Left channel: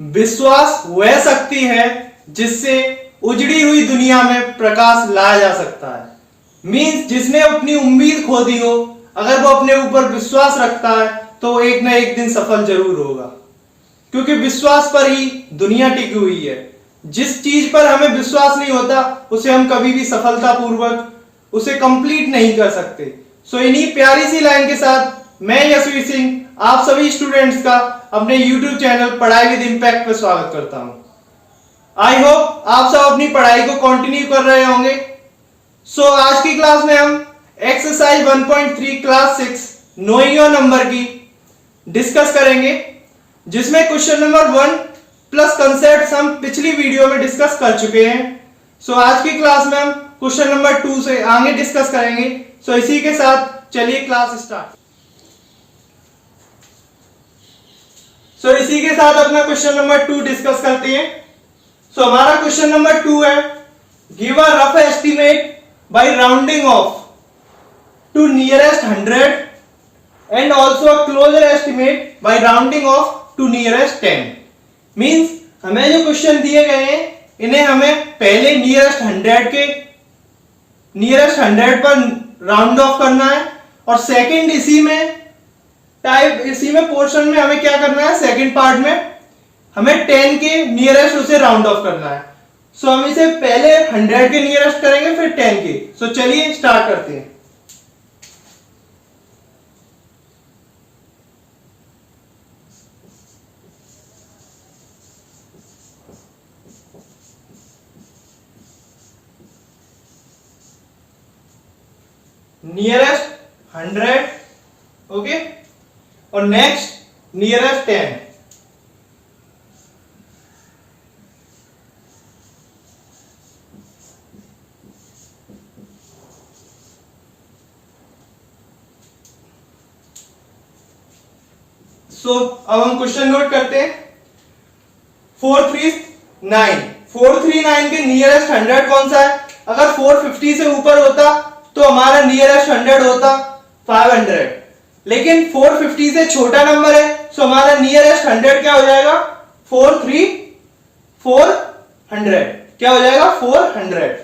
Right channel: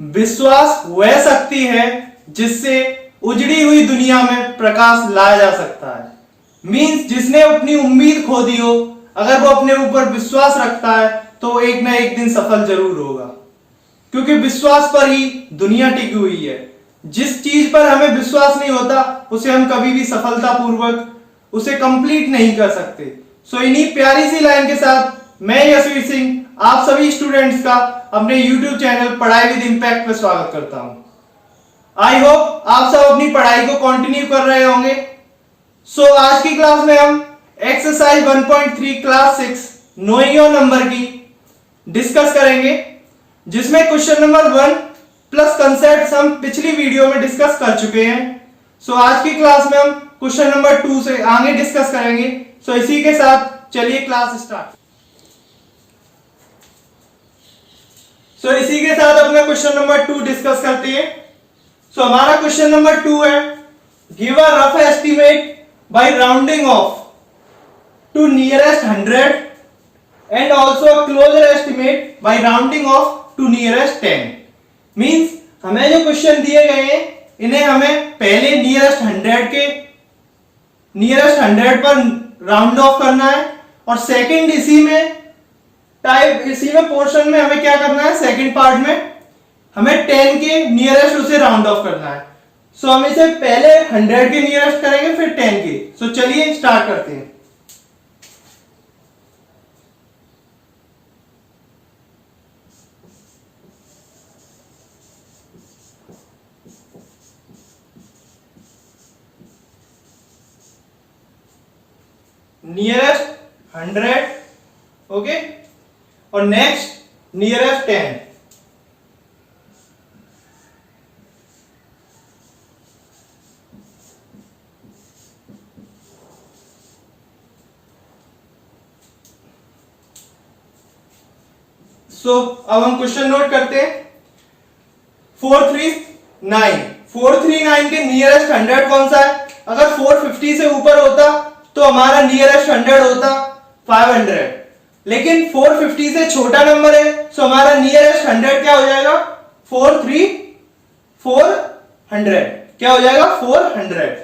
विश्वास वह शक्ति है जिससे उजड़ी हुई दुनिया में प्रकाश लाया जा सकता है। मीन्स जिसने अपनी उम्मीद खो दी हो, अगर वो अपने ऊपर विश्वास रखता है तो एक ना एक दिन सफल जरूर होगा, क्योंकि विश्वास पर ही दुनिया टिकी हुई है। जिस चीज पर हमें विश्वास नहीं होता उसे हम कभी भी सफलतापूर्वक उसे कंप्लीट नहीं कर सकते। सो इन्हीं प्यारी सी लाइन के साथ मैं यशवीर सिंह आप सभी स्टूडेंट्स का अपने YouTube चैनल पढ़ाई विद इम्पैक्ट पे स्वागत करता हूं। आई होप आप सब अपनी पढ़ाई को कंटिन्यू कर रहे होंगे। सो आज की क्लास में हम exercise 1.3 class 6 knowing your number की डिस्कस करेंगे, जिसमें क्वेश्चन नंबर 1 प्लस कंसेप्ट हम पिछली वीडियो में डिस्कस कर चुके हैं। सो आज की क्लास में हम क्वेश्चन नंबर 2 से आगे डिस्कस करेंगे। सो इसी के साथ चलिए क्लास स्टार्ट। सो इसी के साथ अपना क्वेश्चन नंबर 2 डिस्कस करते हैं। सो हमारा क्वेश्चन नंबर 2 है, give a rough estimate by rounding off to nearest 100 and also a closer estimate by rounding off to nearest 10। Means हमें जो क्वेश्चन दिए गए हैं इन्हें हमें पहले नियरेस्ट 100 पर राउंड ऑफ करना है, और सेकंड इसी में पोर्शन में हमें क्या करना है, सेकंड पार्ट में हमें 10 के नियरेस्ट उसे राउंड ऑफ करना है। सो हम इसे पहले 100 के नियरेस्ट करेंगे फिर 10 के। सो चलिए स्टार्ट करते हैं। नियरेस्ट 100, ओके, और नेक्स्ट नियरेस्ट 10। सो अब हम क्वेश्चन नोट करते हैं। 439 के नियरेस्ट 100 कौन सा है? अगर 450 से ऊपर होता तो हमारा नियरेस्ट 100 होता 500, लेकिन 450 से छोटा नंबर है, सो हमारा नियरेस्ट 100 क्या हो जाएगा? 400 क्या हो जाएगा? 400।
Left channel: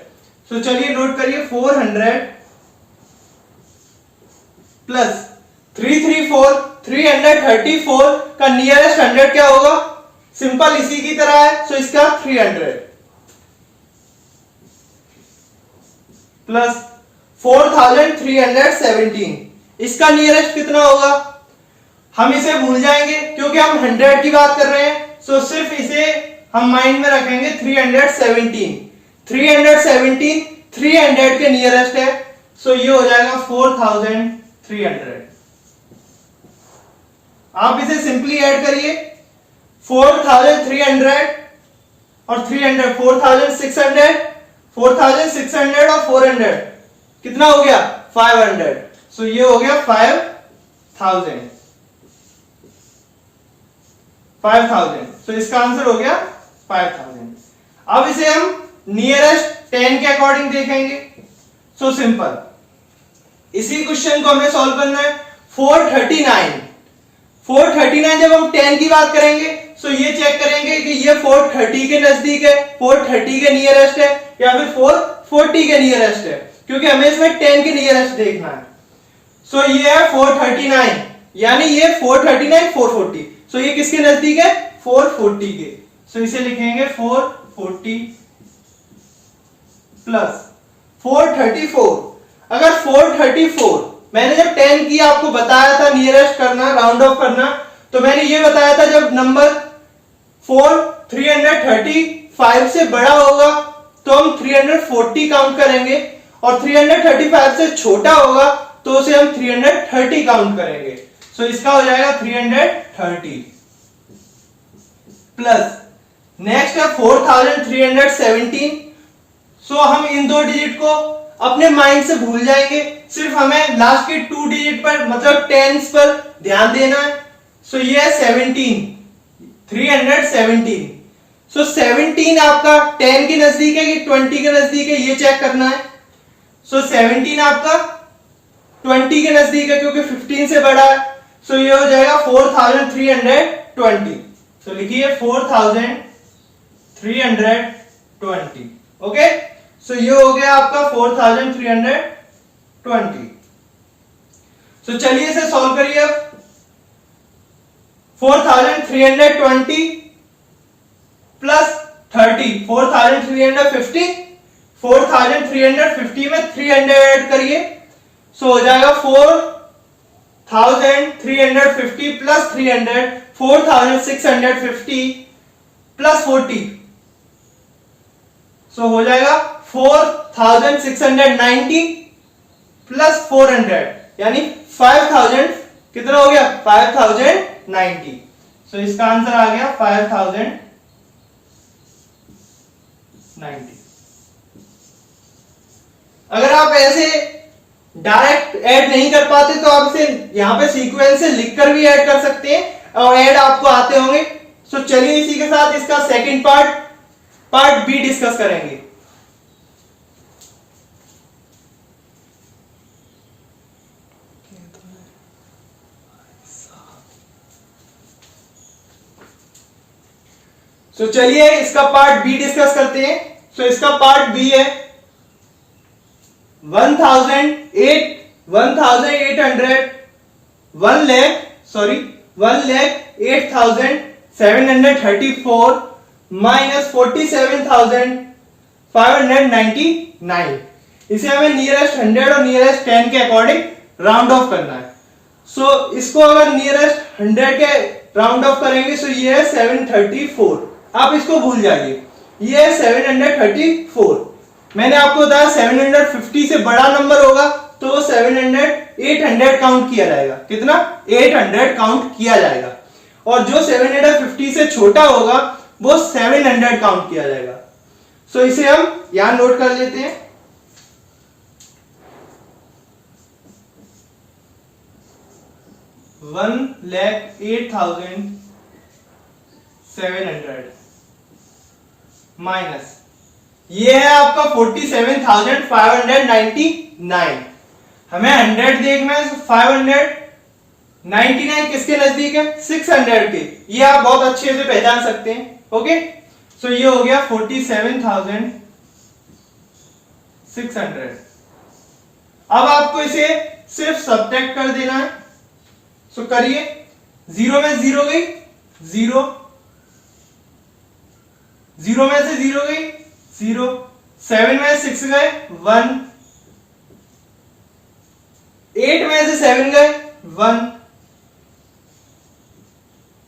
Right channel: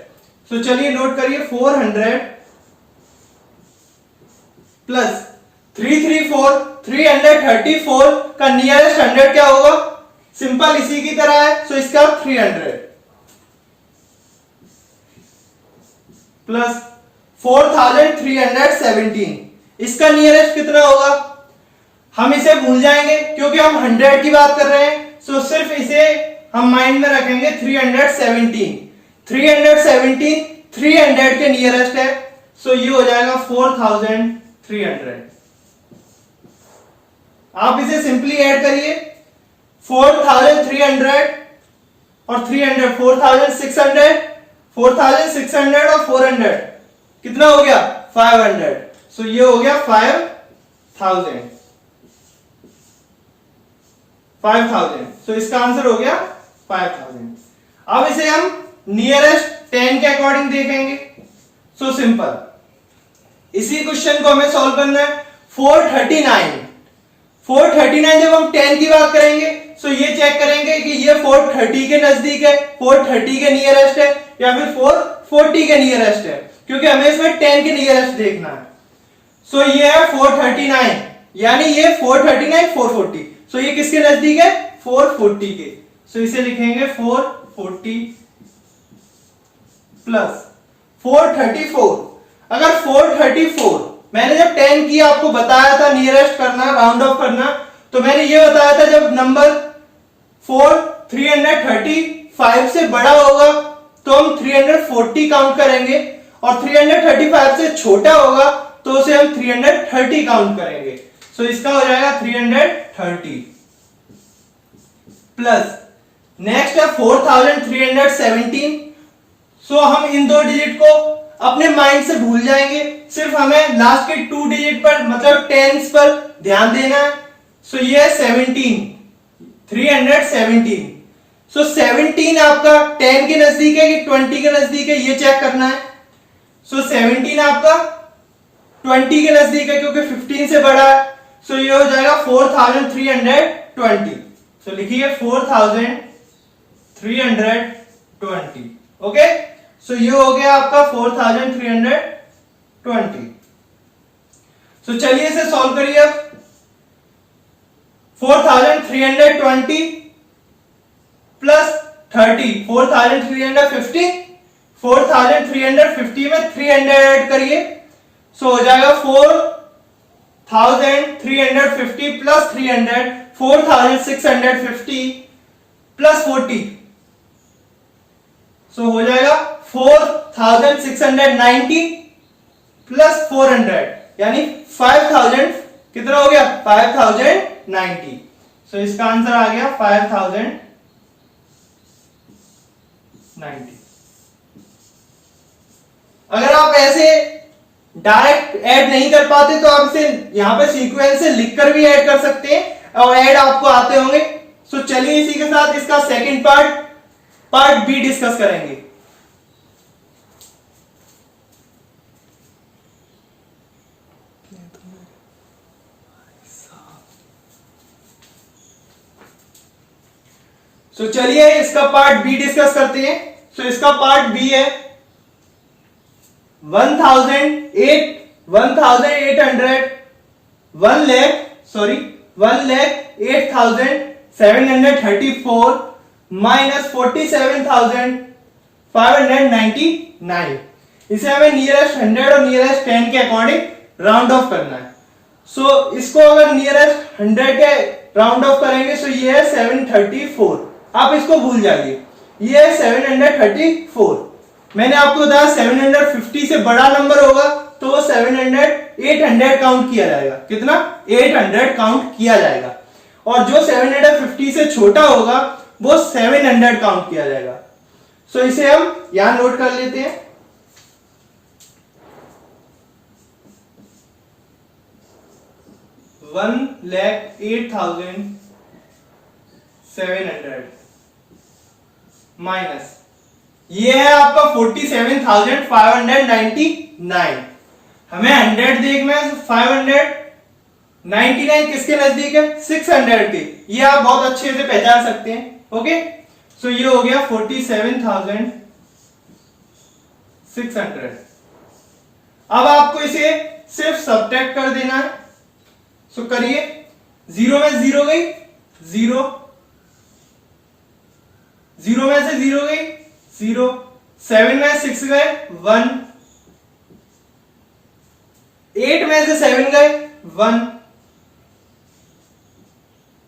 सो चलिए नोट करिए, 400 प्लस 334 का नियरेस्ट 100 क्या होगा? सिंपल इसी की तरह है, सो इसका 300 प्लस 4317, इसका नियरेस्ट कितना होगा? हम इसे भूल जाएंगे क्योंकि हम 100 की बात कर रहे हैं। सो सिर्फ इसे हम माइंड में रखेंगे। 317 300 के नियरेस्ट है, सो ये हो जाएगा 4300। आप इसे सिंपली ऐड करिए, 4300 और 300 4600 और 400 कितना हो गया? 500। सो ये हो गया 5000। सो इसका आंसर हो गया 5000। अब इसे हम नियरेस्ट 10 के अकॉर्डिंग देखेंगे। सो सिंपल, इसी क्वेश्चन को हमें सॉल्व करना है। 439 जब हम 10 की बात करेंगे, सो ये चेक करेंगे कि ये 430 के नजदीक है, 430 के नियरेस्ट है, या फिर 440 के नियरेस्ट है, क्योंकि हमें इसमें 10 के नियरेस्ट देखना है। सो ये है 439, यानी ये 439 440। सो ये किसके नजदीक है? 440 के। सो इसे लिखेंगे 440 प्लस 434। अगर 434 मैंने जब 10 की आपको बताया था नियरेस्ट करना, राउंड ऑफ करना, तो मैंने ये बताया था जब नंबर 335 से बड़ा होगा तो हम 340 काउंट करेंगे, और 335 से छोटा होगा तो उसे हम 330 काउंट करेंगे। सो इसका हो जाएगा 330 प्लस नेक्स्ट है 4317। सो हम इन दो डिजिट को अपने माइंड से भूल जाएंगे, सिर्फ हमें लास्ट के 2 डिजिट पर मतलब टेंस पर ध्यान देना है। सो ये है 317। सो 17 आपका 10 के नजदीक है कि 20 के नजदीक है, ये चेक करना है। सो 17 आपका 20 के नजदीक है क्योंकि 15 से बड़ा है। सो ये हो जाएगा 4320। सो लिखिए 4320। ओके, सो ये हो गया आपका 4320। सो चलिए इसे सॉल्व करिए अब। 4320 प्लस 30 4350, 4350 में 300 ऐड करिए, सो हो जाएगा 4350 प्लस 300 4650 प्लस 40, सो हो जाएगा 4690 प्लस 400 यानी 5000। कितना हो गया? 5090। सो इसका आंसर आ गया 5090। अगर आप ऐसे डायरेक्ट ऐड नहीं कर पाते तो आप इसे यहां पे सीक्वेंस से लिखकर भी ऐड कर सकते हैं और ऐड आपको आते होंगे। सो चलिए इसी के साथ इसका सेकंड पार्ट बी डिस्कस करेंगे। सो चलिए इसका पार्ट बी डिस्कस करते हैं। सो इसका पार्ट बी है 1,08,734 माइनस 47,599। इसे हमें नियरेस्ट 100 और नियरेस्ट 10 के अकॉर्डिंग राउंड ऑफ करना है। सो इसको अगर नियरेस्ट 100 के राउंड ऑफ करेंगे तो ये है 734। आप इसको भूल जाइए, ये है 734। मैंने आपको बताया 750 से बड़ा नंबर होगा तो 800 काउंट किया जाएगा। कितना? 800 काउंट किया जाएगा। और जो 750 से छोटा होगा वो 700 काउंट किया जाएगा। सो इसे हम यहां नोट कर लेते हैं। $1,08,700 माइनस ये है आपका 47,599। हमें 100 देखना है, 599 किसके नजदीक है? 600 के। ये आप बहुत अच्छे से पहचान सकते हैं। ओके, सो ये हो गया 47,600। अब आपको इसे सिर्फ सब्ट्रैक्ट कर देना है। सो करिए, 0 में 0 गई 0, 0 में से 0 गई 0, 7 में 6 गए 1, 8 में से 7 गए 1,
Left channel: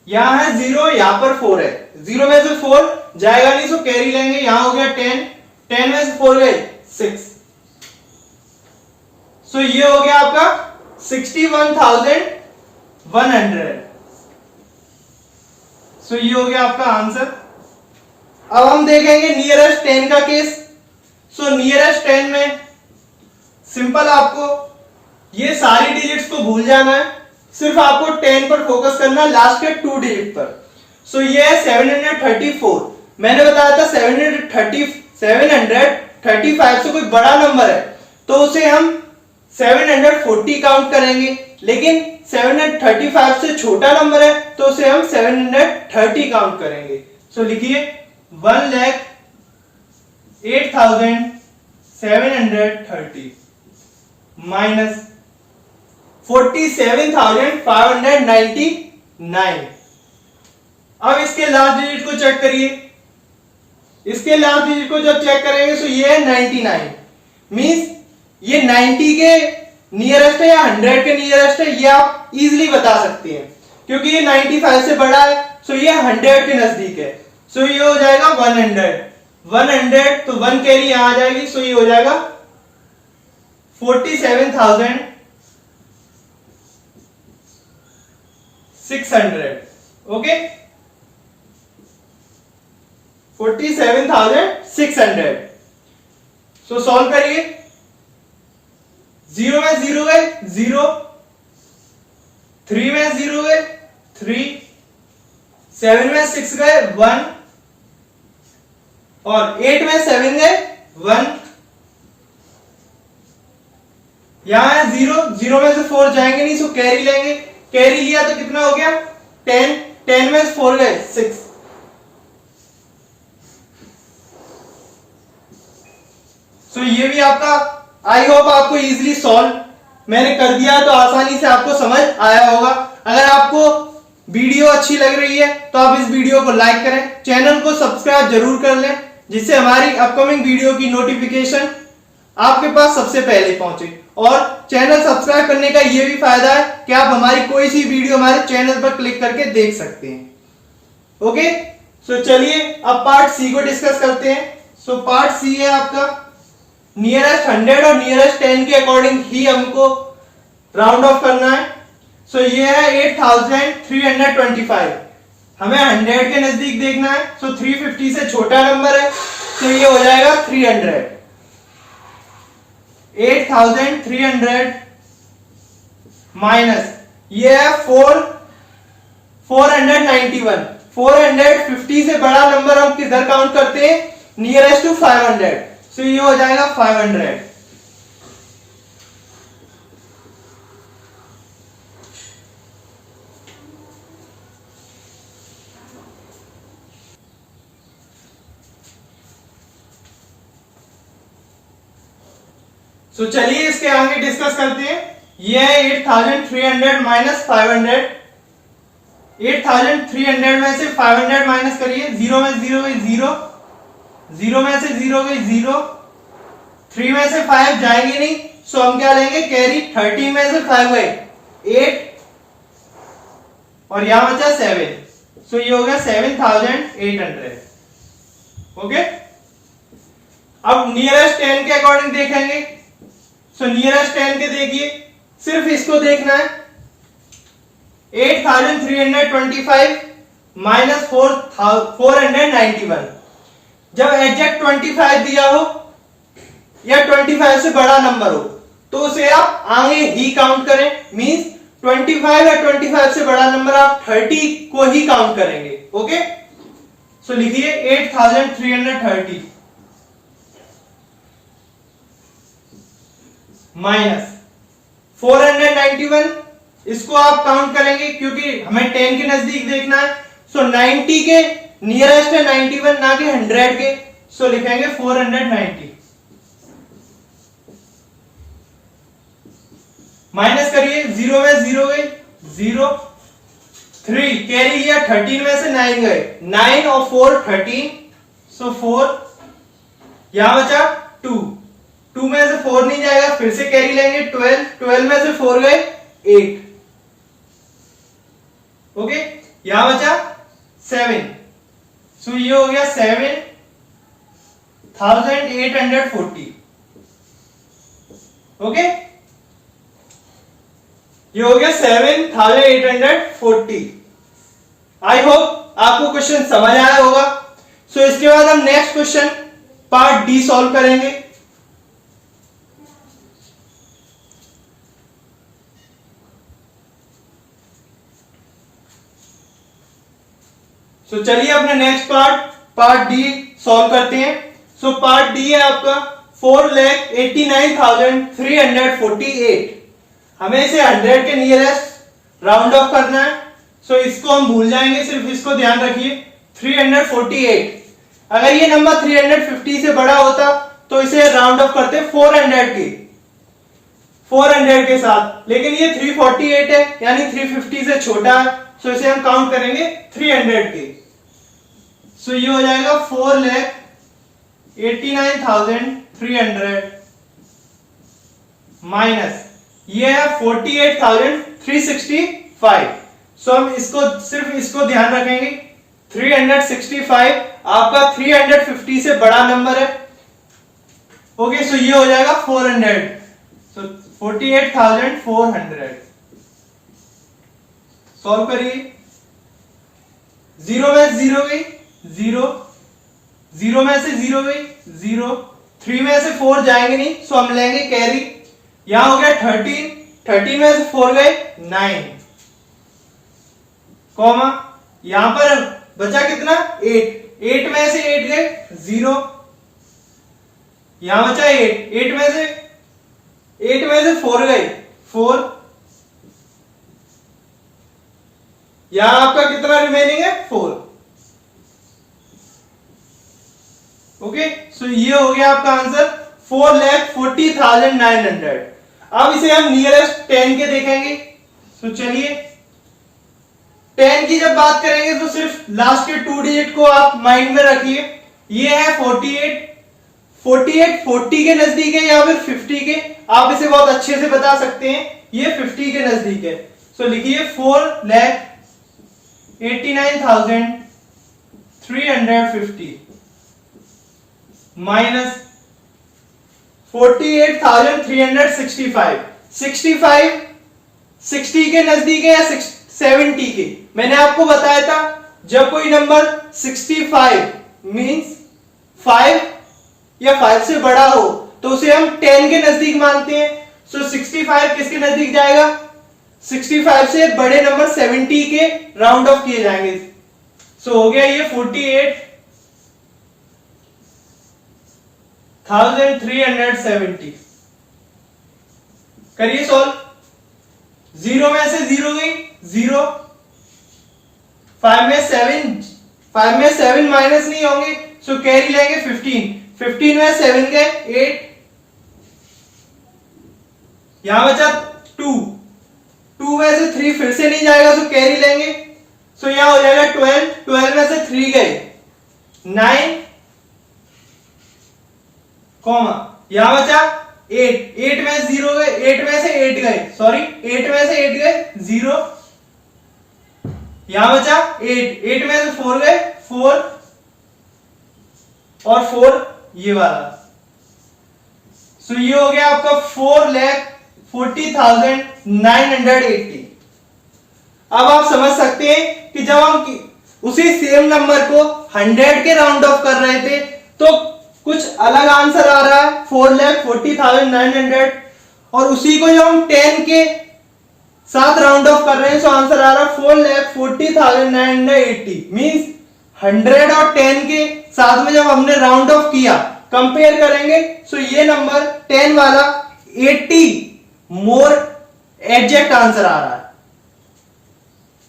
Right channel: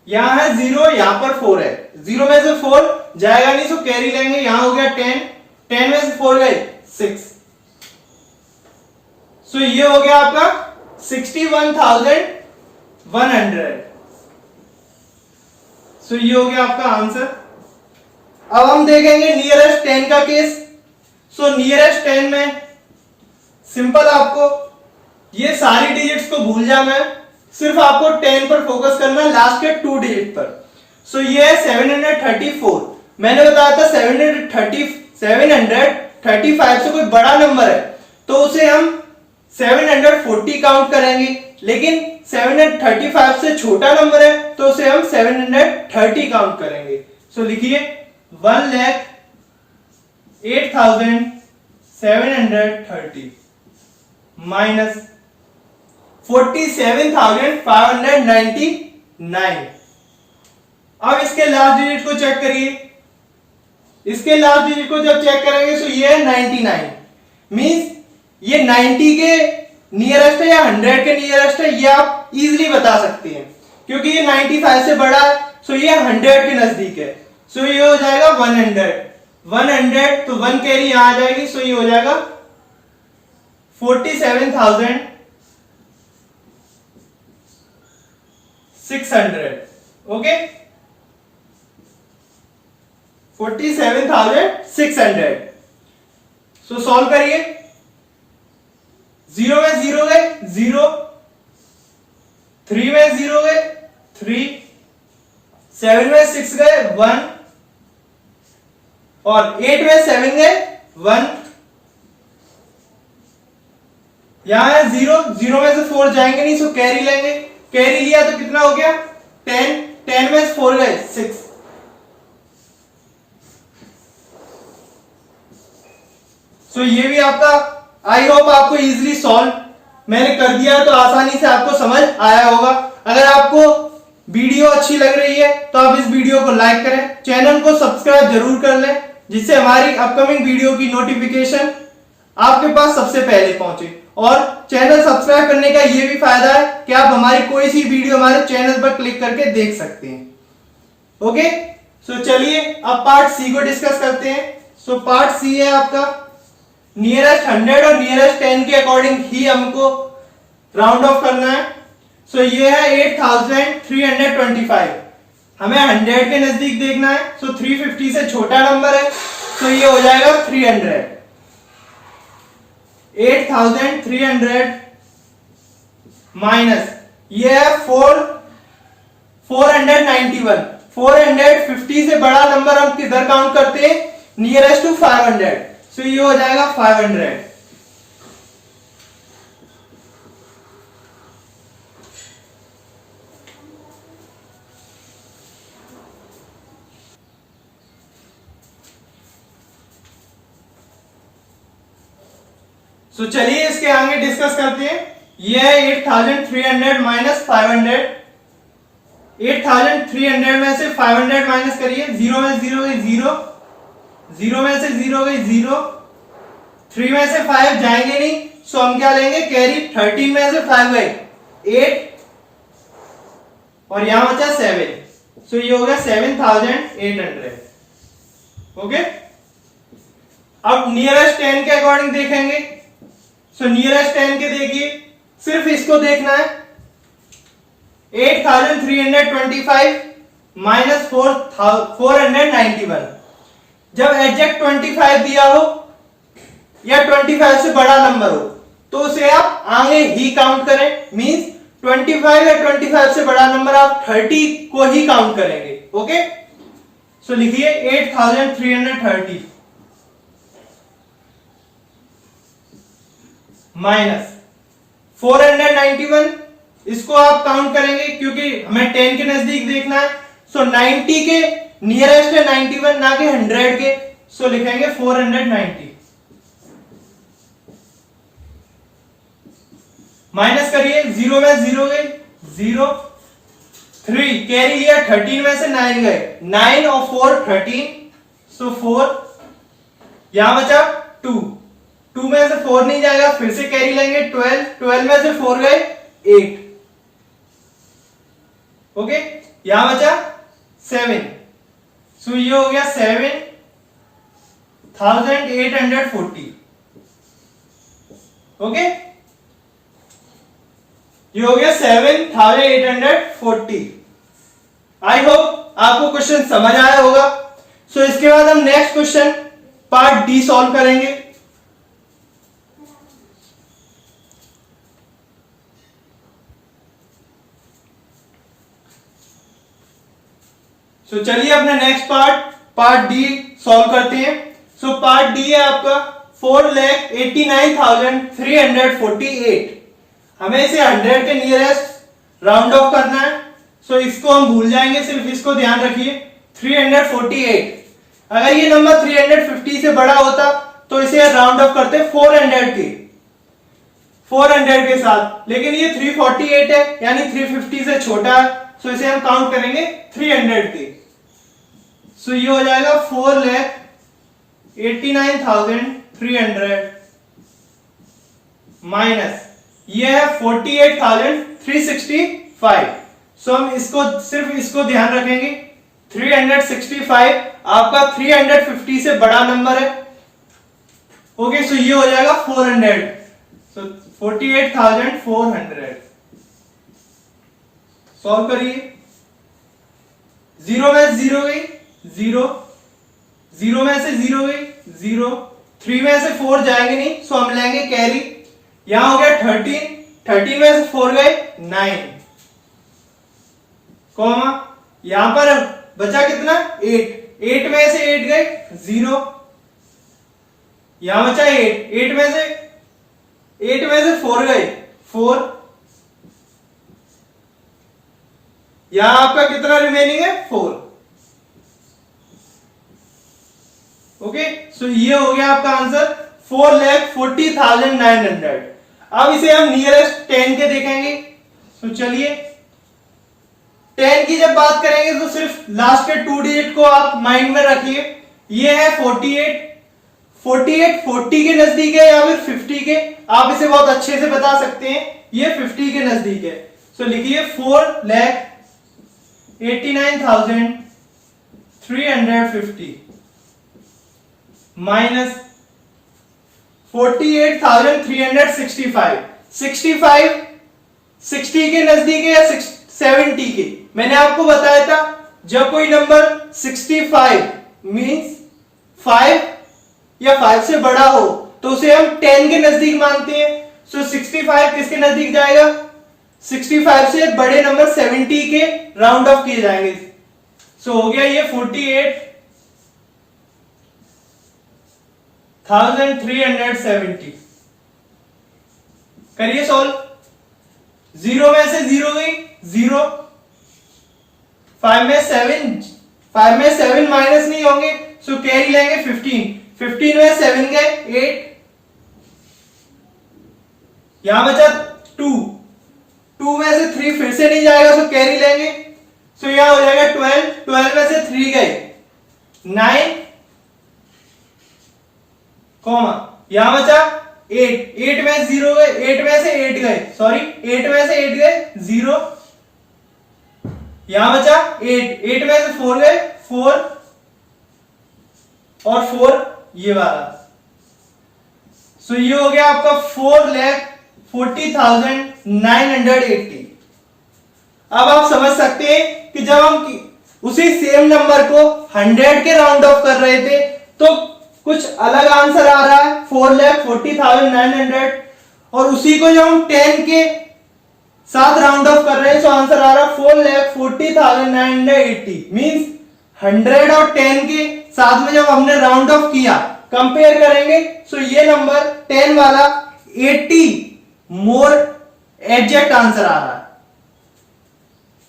यहां है 0, यहां पर 4 है। 0 में से 4 जाएगा नहीं, सो कैरी लेंगे। यहां हो गया 10, 10 में से 4 गए 6। सो ये हो गया आपका 61,100। सो ये हो गया आपका आंसर। अब हम देखेंगे नियरेस्ट 10 का केस। सो नियरेस्ट 10 में सिंपल आपको ये सारी डिजिट्स को भूल जाना है, सिर्फ आपको 10 पर फोकस करना है, लास्ट के 2 डिजिट पर। सो ये है 734। मैंने बताया था 735 से कोई बड़ा नंबर है तो उसे हम 740 काउंट करेंगे, लेकिन 735 से छोटा नंबर है तो उसे हम 730 काउंट करेंगे। सो लिखिए 1,08,730 माइनस 47,599। अब इसके लास्ट डिजिट को चेक करिए। इसके लास्ट डिजिट को जब चेक करेंगे तो ये है 99। मींस ये 90 के नियरेस्ट है या 100 के नियरेस्ट है, ये आप इजीली बता सकते हैं क्योंकि ये 95 से बड़ा है। सो ये 100 के नजदीक है। सो ये हो जाएगा 100 तो 1 कैरी यहां आ जाएगी। सो ये हो जाएगा 47,600। ओके, 47,600। सो सॉल्व करिए। 0 में 0 गए 0, 3 में 0 गए 3, 7 में 6 गए 1 और 8 में 7 गए 1, यहां है 0, 0 में से 4 जाएंगे नहीं, सो कैरी लेंगे। कैरी लिया तो कितना हो गया 10, 10 में से 4 गए 6। सो ये भी आपका, आई होप आपको इजीली सॉल्व मैंने कर दिया है, तो आसानी से आपको समझ आया होगा। अगर आपको वीडियो अच्छी लग रही है तो आप इस वीडियो को लाइक करें, चैनल को सब्सक्राइब जरूर कर लें, जिससे हमारी अपकमिंग वीडियो की नोटिफिकेशन आपके पास सबसे पहले पहुंचे। और चैनल सब्सक्राइब करने का ये भी फायदा है कि आप हमारी कोई सी वीडियो हमारे चैनल पर क्लिक करके देख सकते हैं। ओके, सो चलिए अब पार्ट सी को डिस्कस करते हैं। सो पार्ट सी है आपका नियरेस्ट 100 और नियरेस्ट 10 के अकॉर्डिंग ही हमको राउंड ऑफ करना है। सो ये है 8325, हमें 100 के नजदीक देखना है। सो 350 से छोटा नंबर है, तो ये हो जाएगा 300। 8300 माइनस ये है 491। 450 से बड़ा नंबर हम किधर काउंट करते हैं? Nearest to 500। सो ये हो जाएगा 500। तो चलिए इसके आगे डिस्कस करते हैं। ये है 8300 माइनस 500। 8300 में से 500 माइनस करिए, 0 में 0 गई 0, 0 में से 0 गई 0, 3 में से 5 जाएंगे नहीं, सो हम क्या लेंगे? कैरी। 13 में से 5 गए 8 और यहां बचा 7, सो ये हो गया 7800। ओके, अब नियरेस्ट 10 के अकॉर्डिंग देखेंगे। सो नियरेस्ट 10 के देखिए, सिर्फ इसको देखना है। 8325 माइनस 491। जब एग्जैक्ट 25 दिया हो या 25 से बड़ा नंबर हो तो उसे आप आगे ही काउंट करें। मींस 25 या 25 से बड़ा नंबर आप 30 को ही काउंट करेंगे। ओके, सो लिखिए 8330 माइनस 491, इसको आप काउंट करेंगे क्योंकि हमें 10 के नजदीक देखना है। सो 90 के नियरेस्ट है 91, ना कि 100 के, सो लिखेंगे 490। माइनस करिए, 0 में 0 गए 0, 3 कैरी लिया, 13 में से 9 गए 9 और 4 13, सो 4, यहां बचा 2, 2 में से 4 नहीं जाएगा, फिर से कैरी लेंगे 12, 12 में से 4 गए 8। ओके, यहां बचा 7, सो ये हो गया 7840। ओके, ये हो गया 7840। आई होप आपको क्वेश्चन समझ आया होगा। सो इसके बाद हम next question part D solve करेंगे। सो चलिए अपने नेक्स्ट पार्ट डी सॉल्व करते हैं। सो पार्ट डी है आपका 4,89,348। हमें इसे 100 के नियरेस्ट राउंड ऑफ करना है। सो इसको हम भूल जाएंगे, सिर्फ इसको ध्यान रखिए 348। अगर ये नंबर 350 से बड़ा होता तो इसे राउंड ऑफ करते 400 के साथ, लेकिन ये 348 है यानी 350 से छोटा है, सो इसे हम काउंट करेंगे 300 के। सो ये हो जाएगा 4,89,300 माइनस ये है 48,365। सो हम इसको सिर्फ इसको ध्यान रखेंगे 365 आपका 350 से बड़ा नंबर है। ओके, सो ये हो जाएगा 400, सो 48,400। सॉल्व करिए, 0 में 0 गई 0, 0 में से 0 गई 0, 3 में से 4 जाएंगे नहीं, सो हम लेंगे कैरी। यहां हो गया 13, 13 में से 4 गए 9, कॉमा यहां पर बचा कितना 8, 8 में से 8 गए 0, यहां बचा 8, 8 में से 4 गए 4, यहां आपका कितना रिमेनिंग है 4। ओके, सो ये हो गया आपका आंसर 4,40,900। अब इसे हम नियरेस्ट 10 के देखेंगे। तो चलिए 10 की जब बात करेंगे तो सिर्फ लास्ट के 2 डिजिट को आप माइंड में रखिए। ये है 48, 48 40 के नजदीक है या फिर 50 के, आप इसे बहुत अच्छे से बता सकते हैं, ये 50 के नजदीक है। सो लिखिए 4,89,350 माइनस 48,365। 65 60 के नजदीक है या 70 के? मैंने आपको बताया था जब कोई नंबर 65 मींस 5 या 5 से बड़ा हो तो उसे हम 10 के नजदीक मानते हैं। सो 65 किसके नजदीक जाएगा? 65 से बड़े नंबर 70 के राउंड ऑफ किए जाएंगे। सो हो गया ये 48,370। करिए सॉल्व। 0 में से 0 गई 0, 5 में 7 माइनस नहीं होंगे, सो कैरी लेंगे 15। 15 में 7 गए 8, यहां बचा 2, 2 में से 3 फिर से नहीं जाएगा, सो कैरी लेंगे, सो यहां हो जाएगा 12, 12 में से 3 गए 9, कॉमा यहां बचा 8, 8 में 0 गए, 8 में से 8 गए, सॉरी 8 में से 8 गए 0, यहां बचा 8, 8 में से 4 गए 4 और 4 ये वाला। सो ये हो गया आपका 4,40,980। अब आप समझ सकते हैं कि जब हम उसी सेम नंबर को 100 के राउंड ऑफ कर रहे थे तो कुछ अलग आंसर आ रहा है 4,40,900, और उसी को जब हम 10 के साथ राउंड ऑफ कर रहे हैं तो आंसर आ रहा है 4,40,980। मींस 100 और 10 के साथ में जब हमने राउंड ऑफ किया, कंपेयर करेंगे, सो ये नंबर 10 वाला 80 मोर एग्जैक्ट आंसर आ रहा है।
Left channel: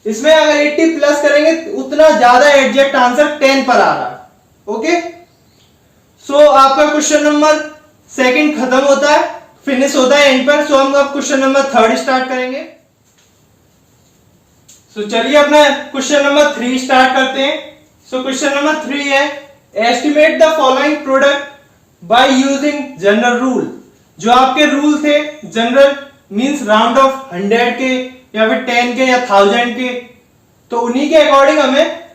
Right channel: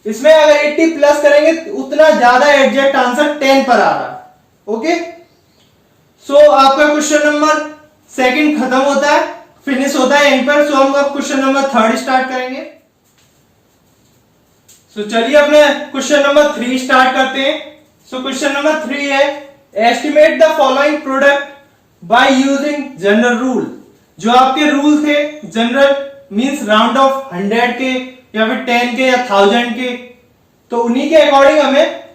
इसमें अगर 80 प्लस करेंगे उतना ज्यादा एग्जैक्ट आंसर 10 पर आ रहा है। ओके, सो आपका क्वेश्चन नंबर 2 खत्म होता है, फिनिश होता है एंड पर। सो हम अब क्वेश्चन नंबर 3 स्टार्ट करेंगे। सो चलिए अपने क्वेश्चन नंबर 3 स्टार्ट करते हैं। सो क्वेश्चन नंबर 3 है estimate the following product by using general rule. जो आपके रूल थे जनरल मींस राउंड ऑफ 100 के या फिर 10 के या 1000 के, तो उन्हीं के अकॉर्डिंग हमें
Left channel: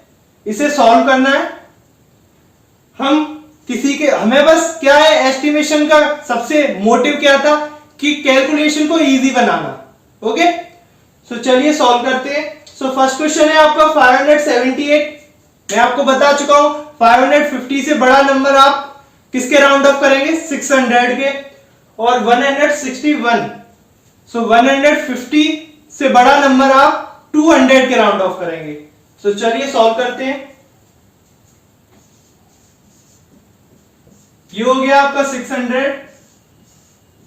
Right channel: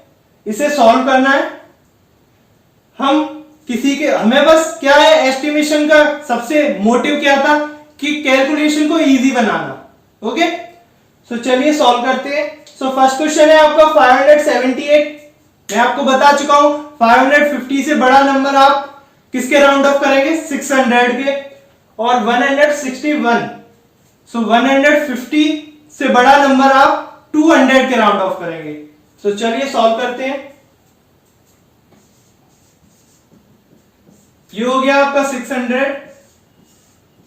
इसे सॉल्व करना है। हमें बस क्या है, एस्टिमेशन का सबसे मोटिव क्या था कि कैलकुलेशन को इजी बनाना। ओके, सो चलिए सॉल्व करते हैं। सो फर्स्ट क्वेश्चन है आपका 578। मैं आपको बता चुका हूं 550 से बड़ा नंबर आप किसके राउंड ऑफ करेंगे? 600 के। और 161, सो 150 से बड़ा नंबर आप 200 के राउंड ऑफ करेंगे। सो चलिए सॉल्व करते हैं। ये हो गया आपका 600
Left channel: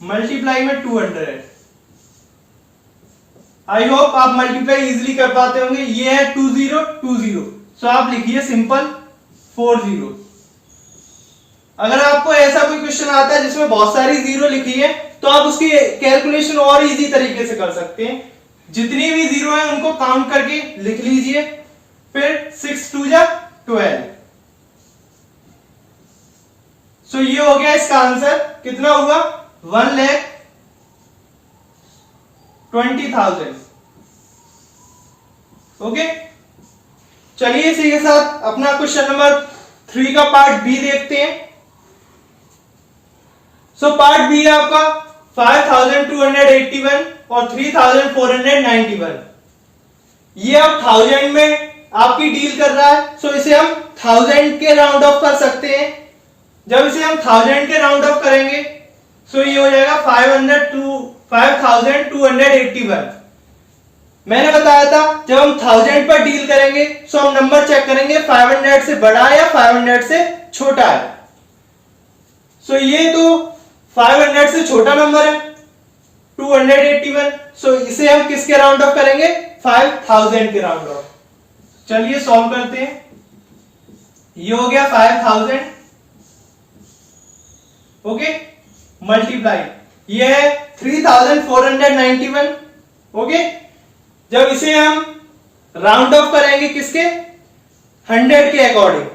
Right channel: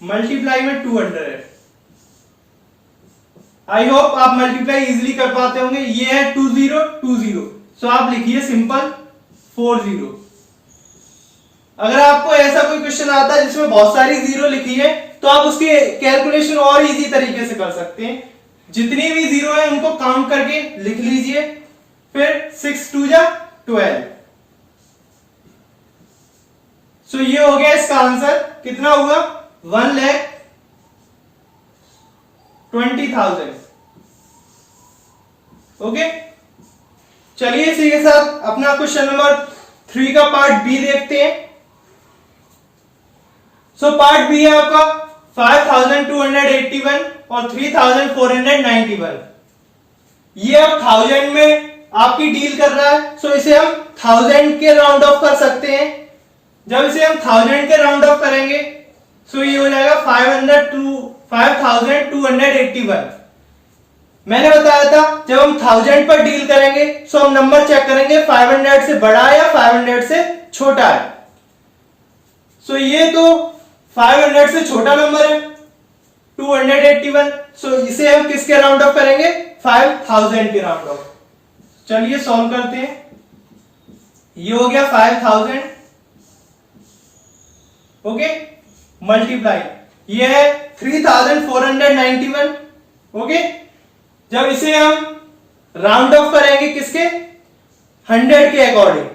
मल्टीप्लाई में 200। आई होप आप मल्टीप्लाई इजीली कर पाते होंगे। ये है 2020, सो आप लिखिए सिंपल 40। अगर आपको ऐसा कोई क्वेश्चन आता है जिसमें बहुत सारी जीरो लिखी है तो आप उसकी कैलकुलेशन और इजी तरीके से कर सकते हैं। जितनी भी जीरो है उनको काउंट करके लिख लीजिए, फिर 6 2 जा 12। सो ये हो गया इसका आंसर। कितना हुआ? 1,20,000। ओके, चलिए इसी के साथ अपना क्वेश्चन नंबर 3 का पार्ट बी देखते हैं। सो पार्ट बी है आपका 5,281 और 3,491। ये अब 1000 में आपकी डील कर रहा है, सो इसे हम 1000 के राउंड ऑफ कर सकते हैं। जब इसे हम 1000 के राउंड ऑफ करेंगे सो ये हो जाएगा 5,281। मैंने बताया था जब हम 1000 पर डील करेंगे सो हम नंबर चेक करेंगे 500 से बड़ा है या 500 से छोटा है। सो ये तो 500 से छोटा नंबर है 281, सो इसे हम किसके राउंड ऑफ करेंगे? 5000 के राउंड ऑफ। चलिए सॉल्व करते हैं। ये हो गया 5000, ओके, मल्टीप्लाई ये है 3491, ओके। जब इसे हम राउंड ऑफ करेंगे किसके, 100 के अकॉर्डिंग,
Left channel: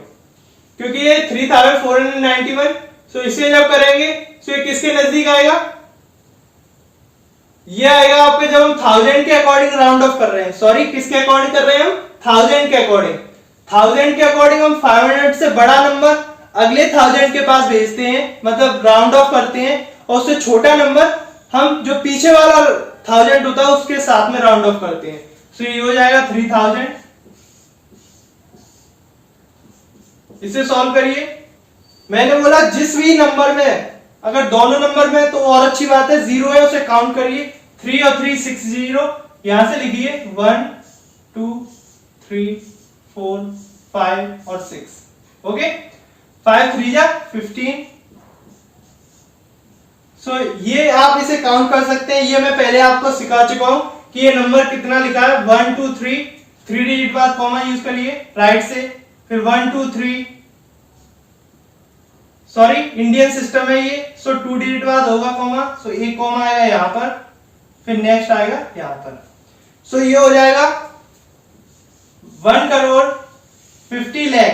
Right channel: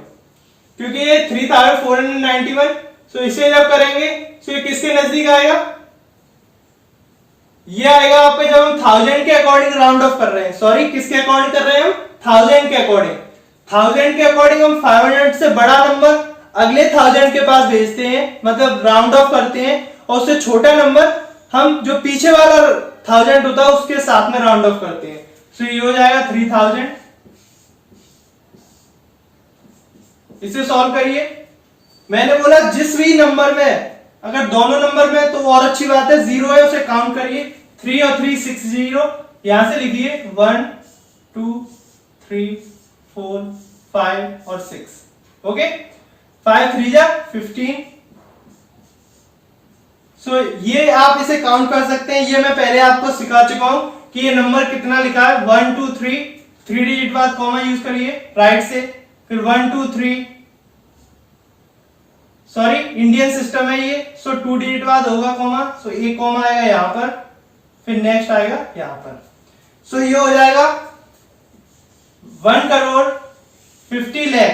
क्योंकि ये 3491, सो इसे जब करेंगे तो ये किसके नजदीक आएगा, ये आएगा आपके, जब हम 1000 के अकॉर्डिंग राउंड ऑफ कर रहे हैं, सॉरी किसके अकॉर्डिंग कर रहे हैं हम, 1000 के अकॉर्डिंग। 1000 के अकॉर्डिंग हम 500 से बड़ा नंबर अगले 1000 के पास भेजते हैं, मतलब राउंड ऑफ करते हैं, और उससे छोटा नंबर हम जो पीछे वाला 1000 होता है उसके साथ में राउंड ऑफ करते हैं। सो ये हो जाएगा 3000। इसे सॉल्व करिए। मैंने बोला जिस भी नंबर में, अगर दोनों नंबर में तो और अच्छी बात है, 0 है उसे काउंट करिए, 3 और 3 60, यहां से लिखिए 1 2 3 4 5 और 6, ओके। 5 3 जा 15। सो ये आप इसे काउंट कर सकते हैं, ये मैं पहले आपको सिखा चुका हूं कि ये नंबर कितना लिखा है, 1 2 3, 3 डिजिट बाद कॉमा यूज करिए राइट से, फिर 1 2 3, सॉरी इंडियन सिस्टम है ये, सो 2 डिजिट बाद होगा कॉमा, सो एक कॉमा आएगा यहां पर, फिर नेक्स्ट आएगा यहां पर। सो ये हो जाएगा 1 करोड़ 50 लाख,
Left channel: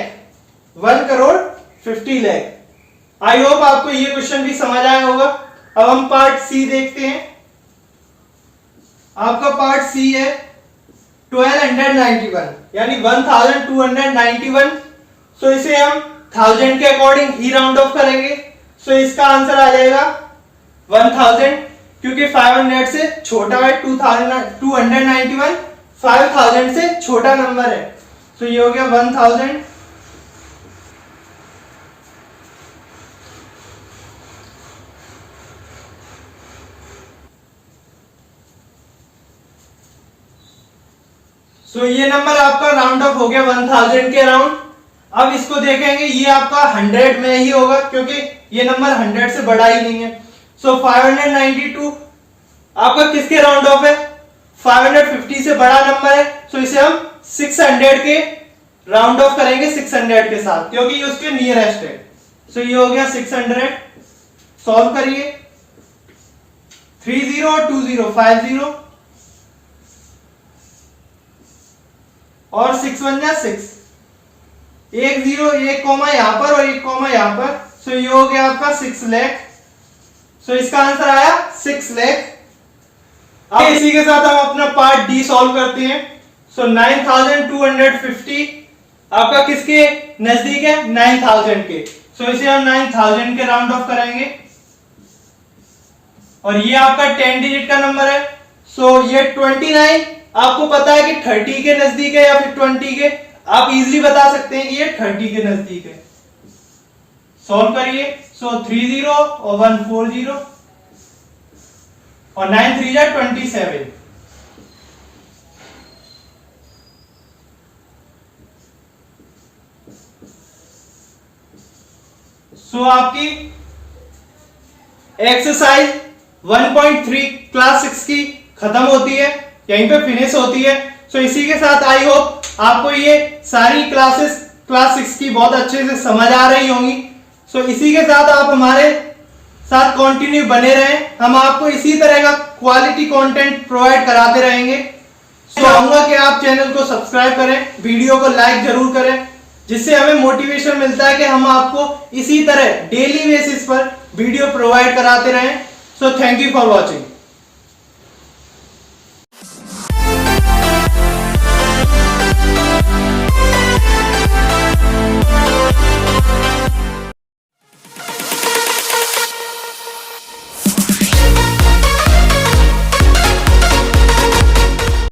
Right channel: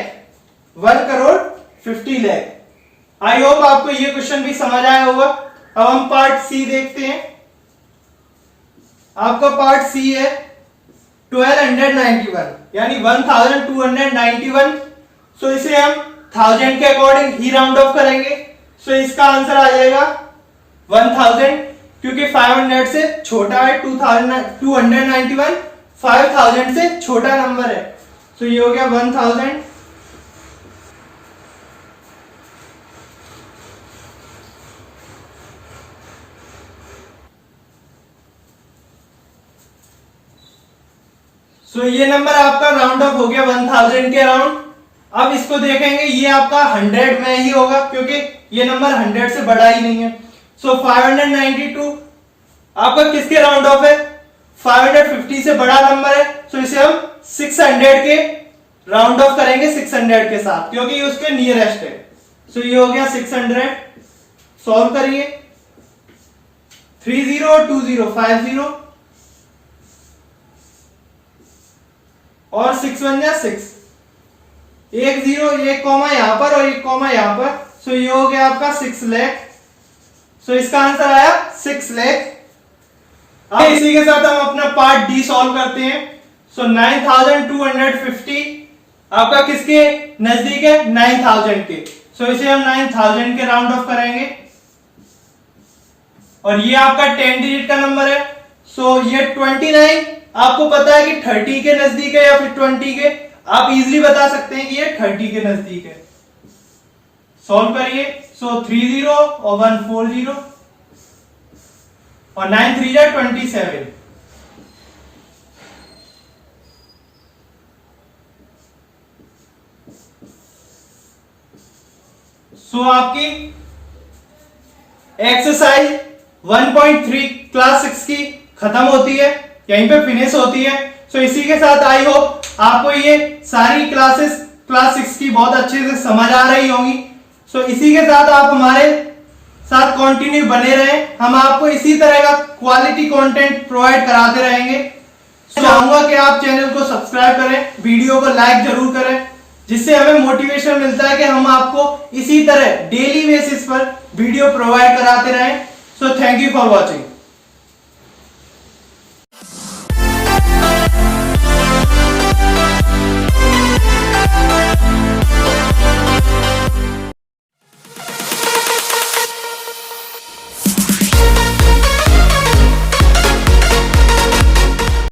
1 करोड़ 50 लाख। आई होप आपको ये क्वेश्चन भी समझ आया होगा। अब हम पार्ट सी देखते हैं। आपका पार्ट सी है 1291, यानी 1291। सो इसे हम 1000 के अकॉर्डिंग ही राउंड ऑफ करेंगे। सो इसका आंसर आ जाएगा 1000, क्योंकि 500 से छोटा है, 291 5000 से छोटा नंबर है। सो ये हो गया 1000। सो ये नंबर आपका राउंड ऑफ हो गया 1000 के अराउंड। अब इसको देखेंगे, ये आपका 100 में ही होगा, क्योंकि ये नंबर 100 से बड़ा ही नहीं है। सो 592 आपका किसके राउंड ऑफ है, 550 से बड़ा नंबर है। सो इसे हम 600 के राउंड ऑफ करेंगे 600 के साथ, क्योंकि ये उसके नियरेस्ट है। सो ये हो गया 600। सॉल्व करिए, 30 और 20 50 और 6 बन जा 6, 1 0 1 कॉमा यहां पर और 1 कॉमा यहां पर। सो ये हो गया आपका 6 लाख। सो इसका आंसर आया 6 लाख। अब इसी के साथ हम अपना पार्ट डी सॉल्व करते हैं। सो 9250 आपका किसके नजदीक है, 9000 के। सो इसे हम 9000 के राउंड ऑफ करेंगे, और ये आपका 10 डिजिट का नंबर है। सो ये 29 आपको पता है कि 30 के नजदीक है या फिर 20 के, आप इजीली बता सकते हैं कि ये 30 के नजदीक है। सॉल्व करिए। सो 30 और 140 और 9 3 जा 27। सो आपकी एक्सरसाइज 1.3 क्लास 6 की खत्म होती है, यहीं पे फिनिश होती है। सो इसी के साथ आई होप आपको ये सारी क्लासेस क्लास 6 की बहुत अच्छे से समझ आ रही होंगी। सो इसी के साथ आप हमारे साथ कंटिन्यू बने रहें, हम आपको इसी तरह का क्वालिटी कंटेंट प्रोवाइड कराते रहेंगे। चाहूंगा कि आप चैनल को सब्सक्राइब करें, वीडियो को लाइक जरूर करें, जिससे हमें मोटिवेशन मिलता है कि हम आपको इसी तरह डेली बेसिस पर वीडियो प्रोवाइड कराते रहें। So thank you for watching.